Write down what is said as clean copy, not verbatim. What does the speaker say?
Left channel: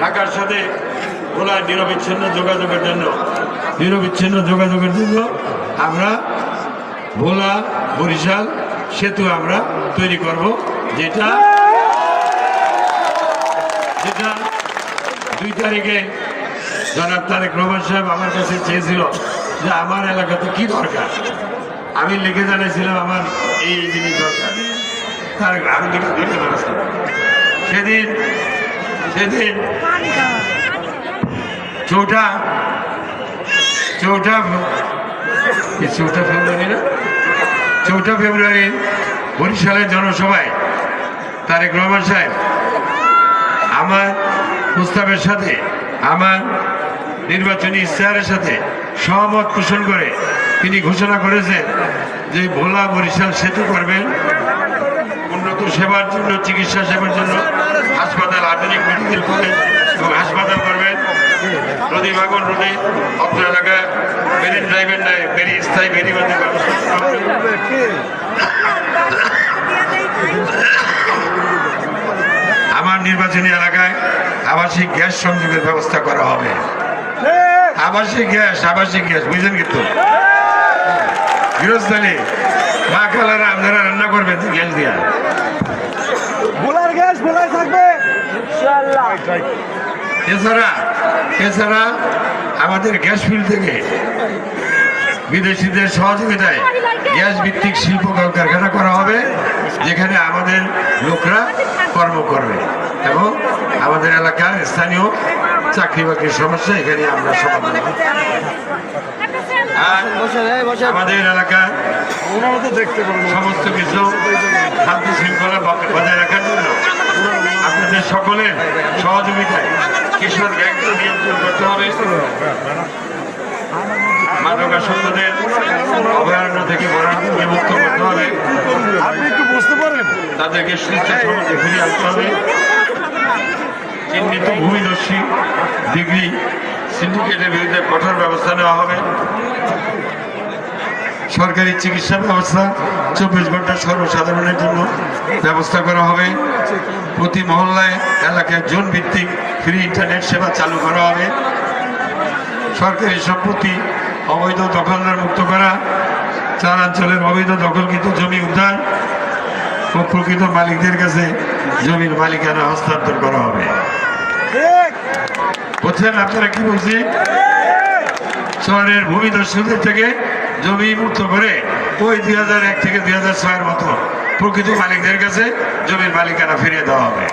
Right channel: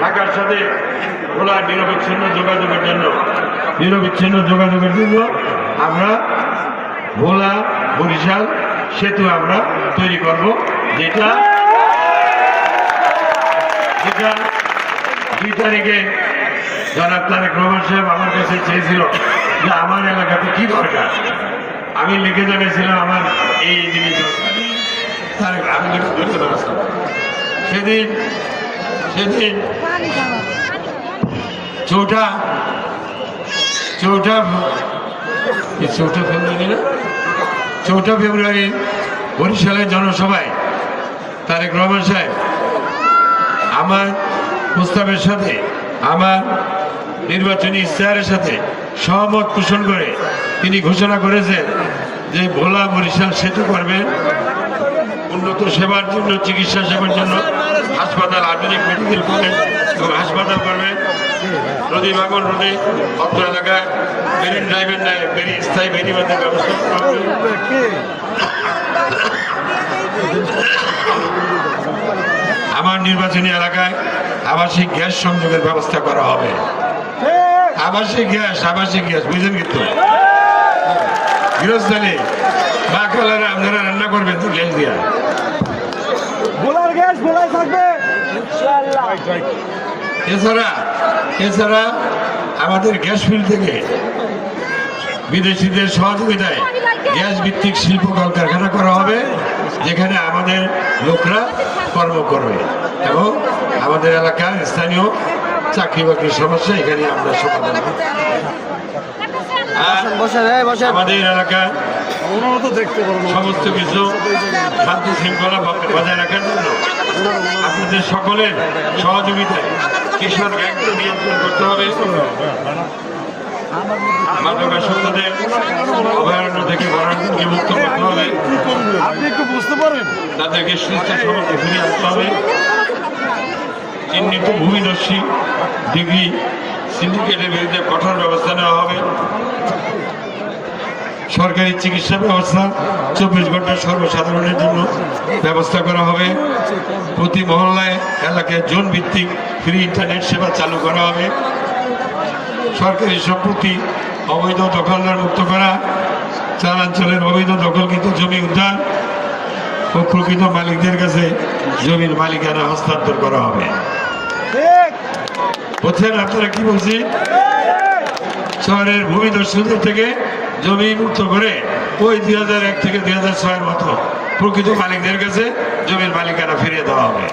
ঢাকার সাথে ভোলার নিরবিচ্ছিন্ন যোগাযোগের জন্য আমরা ভোলা বরিশাল সেতু আমরা তৈরি করব, যেটা 2 তারিখে জনাব তারেক রহমান সাহেব আমার কাছে চেয়েছিল যে আমার এলাকাতে কি দরকার। আমি লিখে জানিয়েছিলাম আমার এই জিনিস দরকার। সেদিন 4 ফেব্রুয়ারি বরিশালের জনসভায় তারেক রহমান সাহেব আমার প্রস্তাবের সাথে, আমার নির্বাচনী ইশতেহারের সাথে সহমত পোষণ করে তিনি ঘোষণা করেছেন যে ভোলা বরিশাল সেতু করবেন, উন্নত সেবার জন্য, চিকিৎসা সেবার জন্য হাসপাতাল, আধুনিক মেডিকেল কলেজ এবং হাসপাতাল করবেন। নদী ভাঙন রোধে অত্র এলাকা মেরিন ড্রাইভের নেয় স্থায়ী বেরিবাদের ব্যবস্থা করা হবে। আমার নির্বাচনী এলাকায় আবাসিক গ্যাস সংযোগের ব্যবস্থা করা হবে। আবাসিক গ্যাস বুঝলেন, কিন্তু গৃহস্থালী মা খালারা আপনারা রান্না করবেন তো গ্যাস দিয়া, ভোলার গ্যাস ভোলায় থাকবে। এছাড়া আমাদের গ্যাস ফিল্ড থেকে বিদেশিদের সহযোগিতায় গ্যাস ভিত্তিক শিল্প কারখানা করা হবে, যেখানে আমাদের লোকরা কর্ম করবে এবং আমাদের এলাকার স্থানীয় চাকরি বাকরির সমস্যা এখানে আমরা সমাধান। আমাদের এলাকার সমস্ত কিছু শান্তি শৃঙ্খলা বজায় রাখার জন্য আপনাদের সকলের সহযোগিতায় কিশোর গ্যাং নিয়ন্ত্রণ করতে হবে। মাদকাসক্তদের অভয়ারণ্য থেকে বিমুক্ত করতে হবে। আপনি একটু বুঝতে পারেন, তাদেরকে সুস্থ সমাজে ফিরিয়ে আনতে হবে। চিহ্নিত ভূমিদস্যী ডিগ্রি সিন্ডিকেটের বিরুদ্ধে কঠোর ব্যবস্থা নেওয়া হবে। সরকারি চিকিৎসা ব্যবস্থা 24 ঘন্টা সর্বসাধারণের জন্য ব্যবস্থা করা হবে। প্রতি মহল্লায় এলাকায় জোন ভিত্তিক ফ্রি ইন্টারনেট সেবা চালু করা হবে। সরকারি সম্পত্তি অবৈধ দখলদার মুক্ত করা, চরাঞ্চলের অবৈধ দখলকৃত জমি উদ্ধার ও প্রকৃত মালিকদের কাছে জমির মালিকানা হস্তান্তর করা হবে। বুঝছেন আপনারা কি বলছি? শহরের ভূমিদস্যুদের থেকে জমি মুক্ত করে ওই 2001 থেকে 2006 মতো প্রকৃত মালিকদের কাছে জমির মালিকানা ফিরিয়ে দেওয়া হবে।